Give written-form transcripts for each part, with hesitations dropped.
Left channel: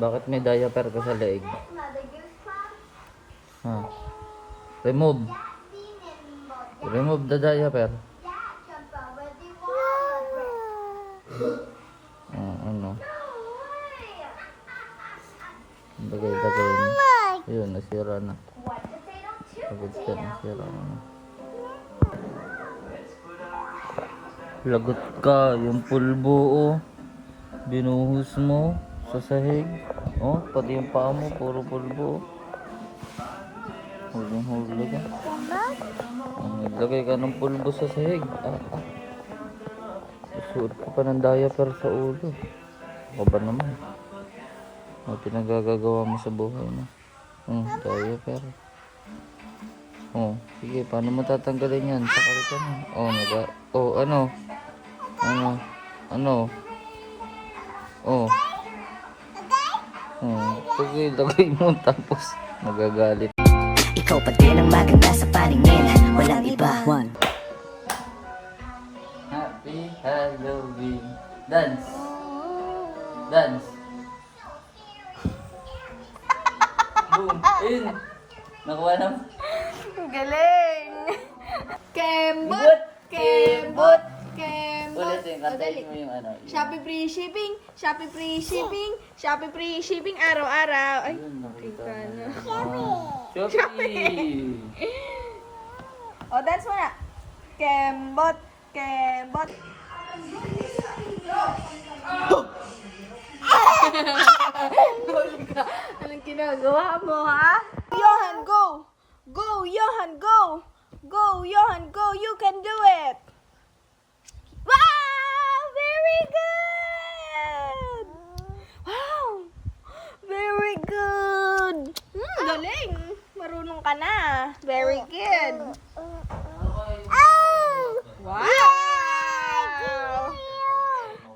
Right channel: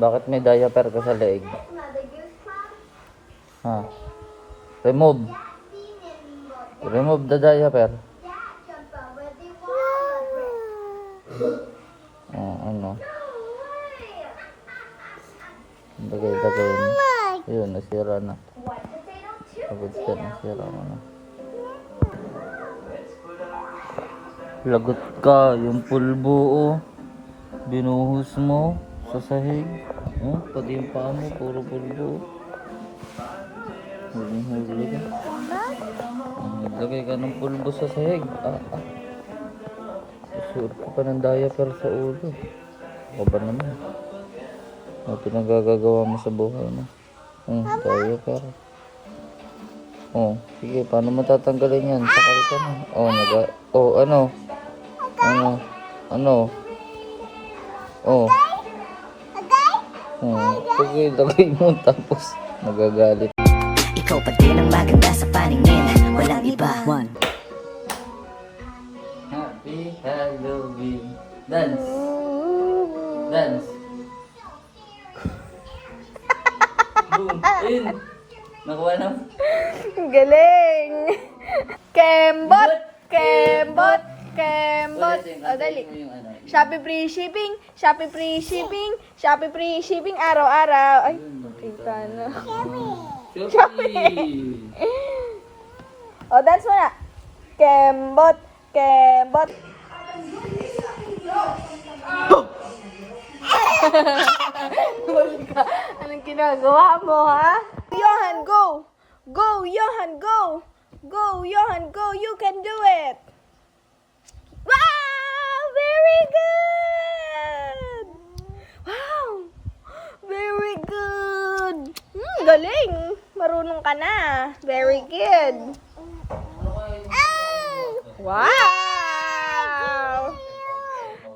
Bakit may diaper ka sa leeg? Ha? Remove. Remove the diaper. Ano? Lagay mo. Ayun, nasira na. Nasira na. Lagot ka, yung pulbo, oh. Binuhos mo sa sahig. Oh, pati yung paa mo, puro pulbo. Huli ka. Naglagay ka ng pulbo sa sahig. Suot ka pa ng diaper sa ulo. O ba naman? O, pinagagagawa mo sa buhay mo. Diaper. Oh, sige, paano mo tatanggalin yan? Sakal ka na. Sige, lagay mo tapos nagagalit. Ikaw pa din ang maganda sa paningin, walang iba. Happy Halloween. Dance. Dance. Boom. Ayun. Nakuha na. Galing. Kembot. Kembot. Kembot. Dali. Shopee free shipping. Shopee free shipping. Shopee free shipping araw-araw. Ay, kita na. Shopee. Dance mo na. Kembot. Kembot. Anong ginagawa mo, ha? Johan, go! Go, Johan, go! Go, Johan, go! You can do it! Wow! Very good! Wow! Very good! Galing! Marunong ka na. Very good. Wow!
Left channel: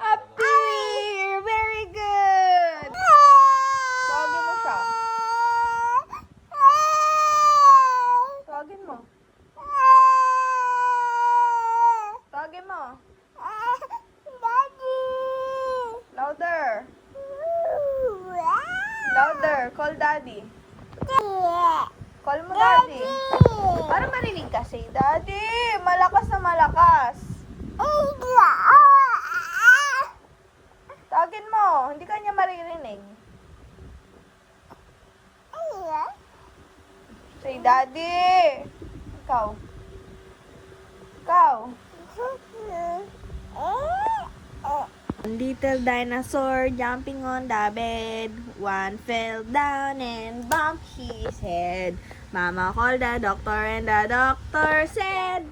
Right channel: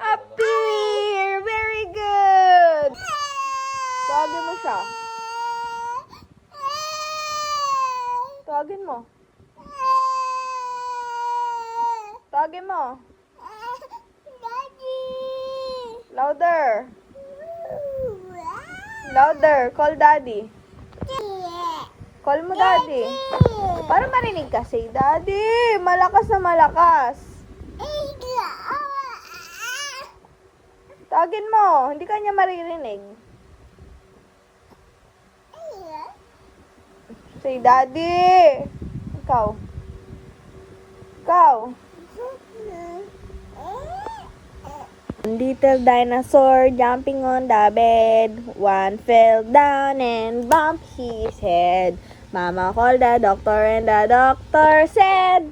Up here! Very good! Tawagin mo siya. Tawagin mo. Tawagin mo. Louder. Louder. Call daddy. Call mo daddy. Para marinig kasi. Daddy, malakas na malakas. Tawagin mo. Hindi ka niya maririnig. Say daddy. Ikaw. Ikaw. Little dinosaur jumping on the bed. One fell down and bumped his head. Mama called the doctor and the doctor said,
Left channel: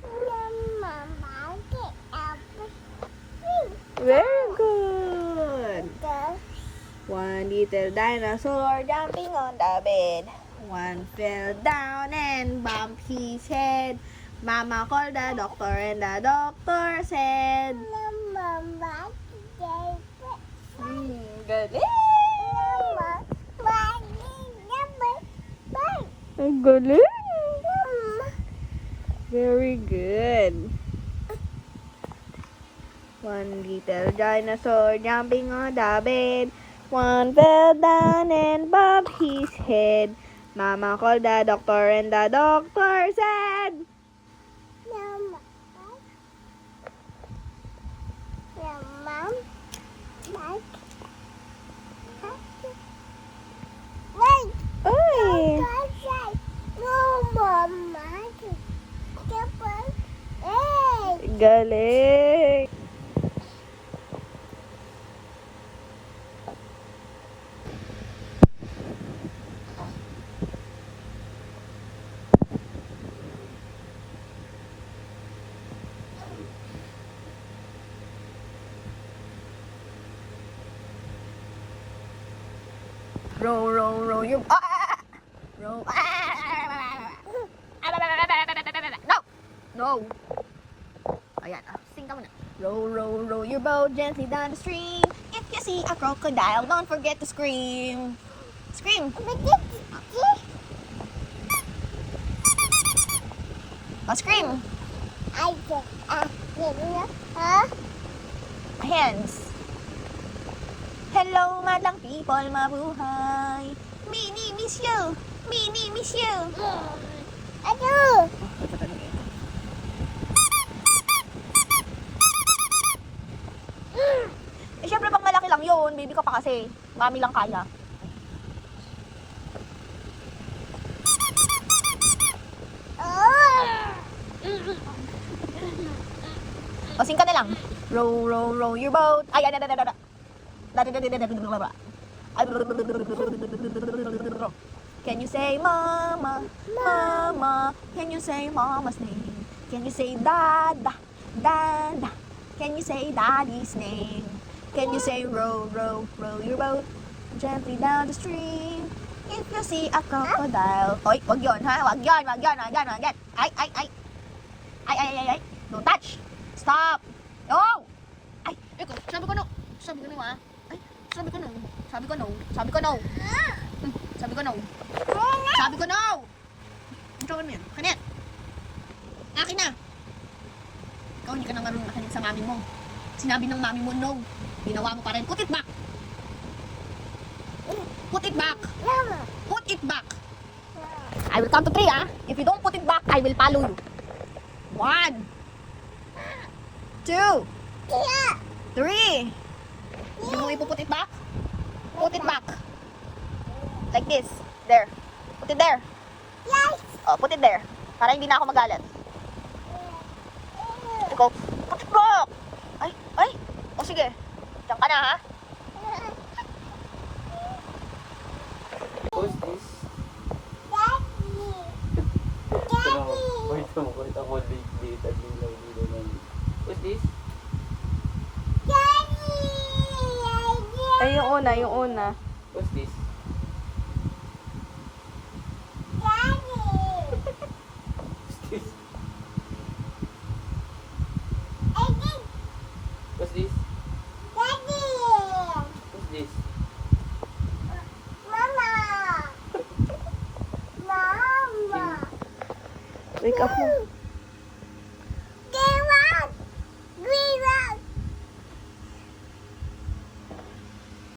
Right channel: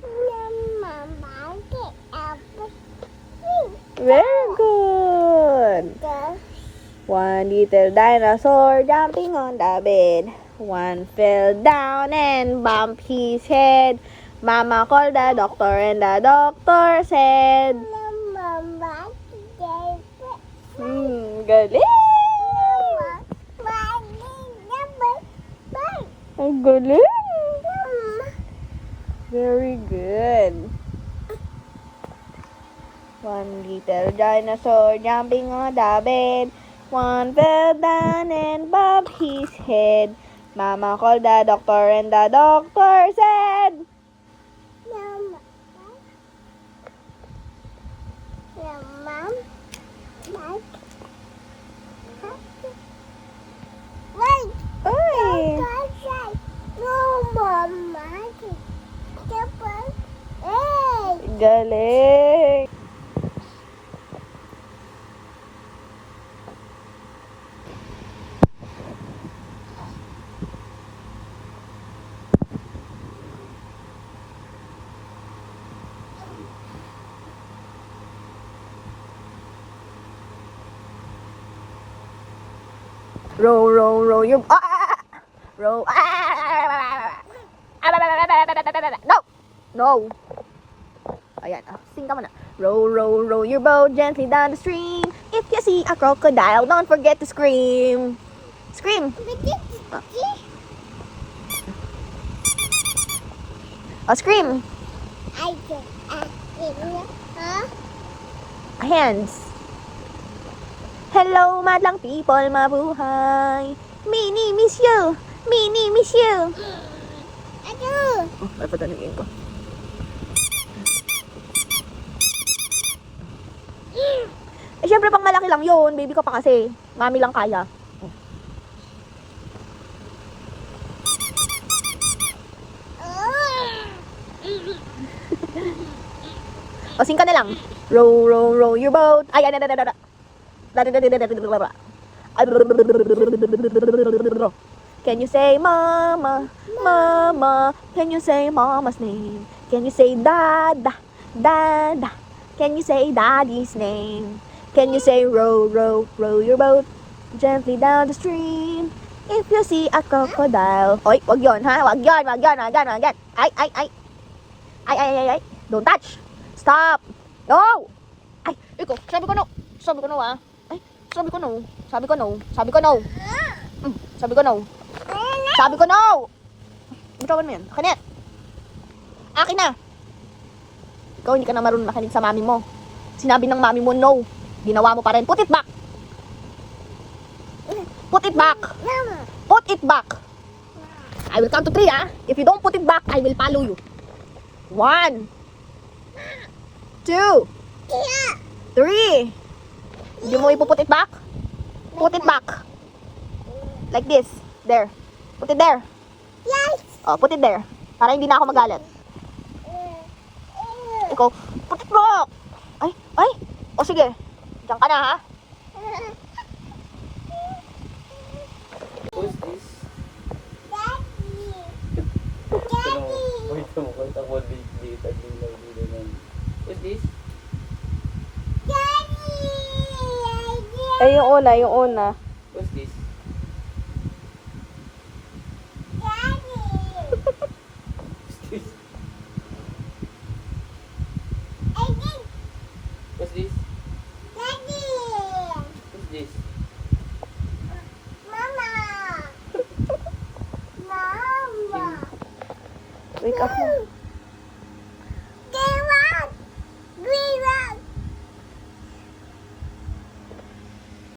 very good. One little dinosaur jumping on the bed. One fell down and bumped his head. Mama called the doctor and the doctor said, galing! Ang galing! Very good. One little dinosaur jumping on the bed. One fell down and bumped his head. Mama called the doctor and the doctor said, galing! Row, row, row, yung row, No! No! Ayan, sing ka muna. Row, row, row your boat gently down the stream. If you see a crocodile, don't forget to scream. Scream! Oh, scream! Hands. Hello, madlang people, mabuhay. Mini, miss you. Mini, miss you. Oh, ay patanagin ko. Eh, syempre pang malaki lang yun. Baby ko pa kasi. Mami lang kaya. O, sing ka na lang. Row, row, row your boat. Ay, Can you say mama, mama? Can you say mama's name? Can you say dada, dada? Can you say daddy's name? Can you say row, row, row your boat gently down the stream? If you see a crocodile. Oy, wag yon ha, wag yon, wag yon, wag yon, wag yon. Ay. Don't touch. Stop. No. Ay, ikaw, sabi ko no. Sabi ko no ah. Ay, sabi ko no. Sabi ko no. Sabi ko no. Sabi ko no. Sabi ko no. Bitawan mo yan. Kanet. Akin na. Ikaw hindi ka na marunong makinig sa mami mo. Sinabi ng mami mo no. Ginawa mo pa rin. Put it back. Put it back. Put it back. I will count to 3 ah. If you don't put it back, I will follow you. 1, 2, 3. Hindi mo ipuput it back? Put it back. Like this. There. Put it there. Yes. Oh, put it there. Para hindi na ako magalit. Ikaw, put it back. Ay. O sige. Diyan ka na ha. Who's this? Wait ako dito at nilaw na. Who's this? Ay, yung una.